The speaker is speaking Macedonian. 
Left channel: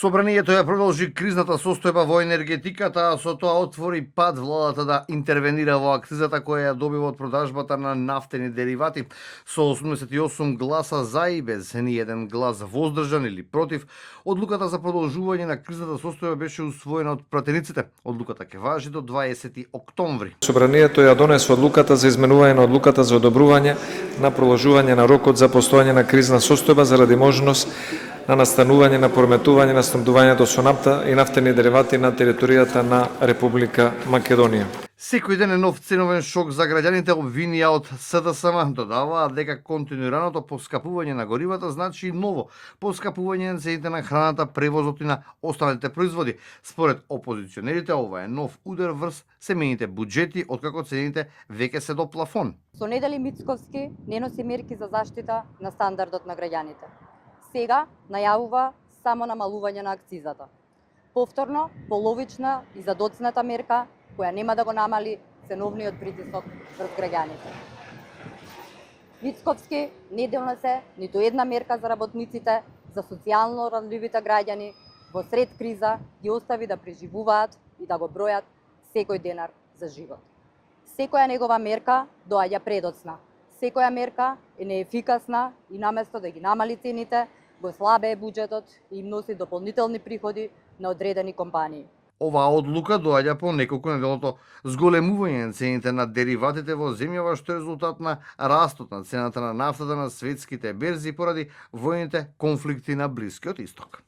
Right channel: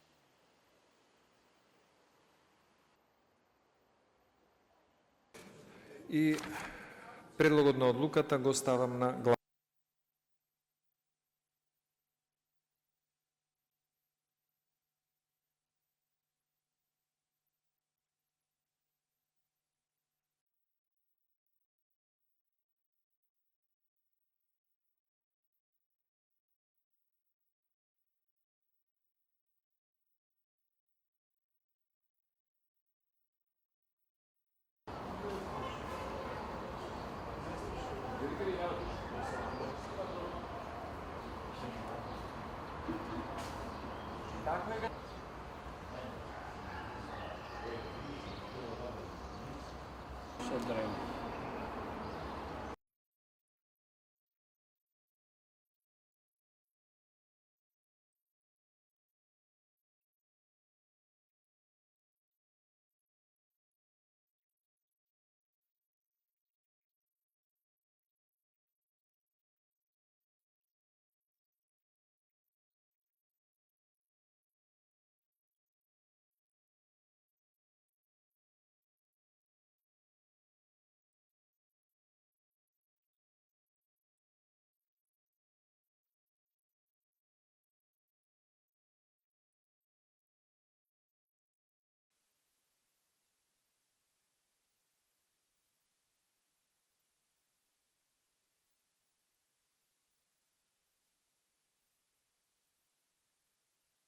Собранието ја продолжи кризната состојба во енергетиката, а со тоа отвори пат владата да интервенира во акцизата која ја добива од продажбата на нафтени деривати. Со 88 гласа за и без ни еден глас воздржан или против, одлуката за продолжување на кризната состојба беше усвоена од пратениците. Одлуката ќе важи до 20 октомври. Собранието ја донесе одлуката за изменување на одлуката за одобрување на продолжување на рокот за постојање на кризна состојба заради можност на настанување на прометување на снабдувањето со нафта и нафтени деривати на територијата на Република Македонија. Секој ден е нов ценовен шок за граѓаните, обвинија од СДСМ. Додаваат дека континуираното поскапување на горивата значи и ново поскапување на цените на храната, превозот и на останалите производи. Според опозиционерите, ова е нов удар врз семејните буџети, откако цените веќе се до плафон. Со Недели Мицковски не носи мерки за заштита на стандардот на граѓаните. Сега најавува само намалување на акцизата. Повторно, половична и задоцната мерка која нема да го намали ценовниот притисок врз граѓаните. Мицковски не донесе ниту една мерка за работниците, за социјално ранливите граѓани, во сред криза ги остави да преживуваат и да го бројат секој денар за живот. Секоја негова мерка доаѓа предоцна. Секоја мерка е неефикасна и наместо да ги намали цените, го слабее буџетот и им носи дополнителни приходи на одредени компании. Оваа одлука доаѓа по неколку неделното зголемување на цените на дериватите во земјава, што е резултат на растот на цената на нафтата на светските берзи поради војните конфликти на Блискиот Исток.